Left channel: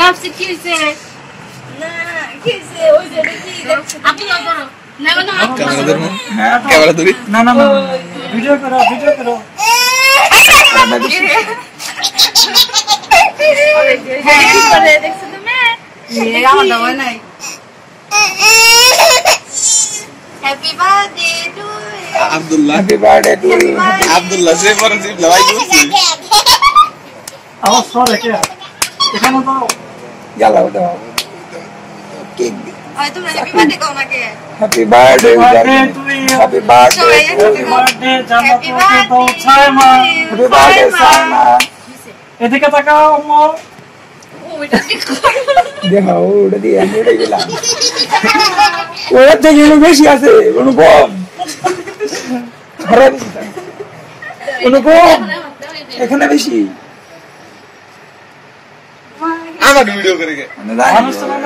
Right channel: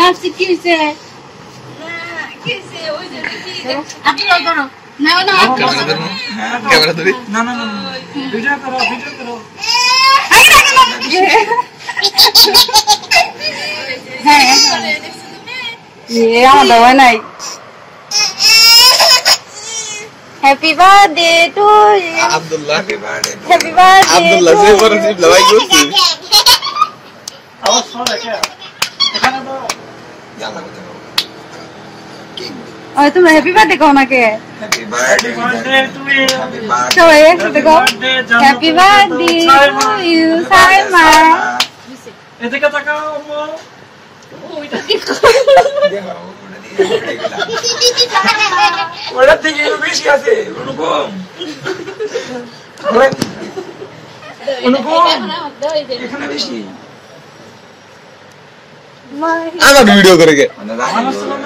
ভাবছি কি হয়েছে না কি হয়েছে ওই যে আপনি করো না না ক্যামেরা ধরো ক্যামেরা ধরি না না ভিডিও করো হ্যাঁ দেখছো তুমি ये আমার দাওয়া নাই happy birthday to Abdullah happy birthday to Abdullah সে পরিচিত ভাই করছি আওয়াজ করে কে এখানে তো yalla দাও কেক আরে তুমি হ্যাপি বার্থডে কও না কে happy birthday to you happy birthday so একসাথে কও হ্যাপি বার্থডে সাইমা এদিকে তাকাও আম্মু ওইটা দেখো দেখো ওটা দিয়ে এটা গেলাম ওটা থেকে বেশি আছে অনুপম অনুপম এখানে বেশি আমার ভিডিও করে কে মানুষ তো না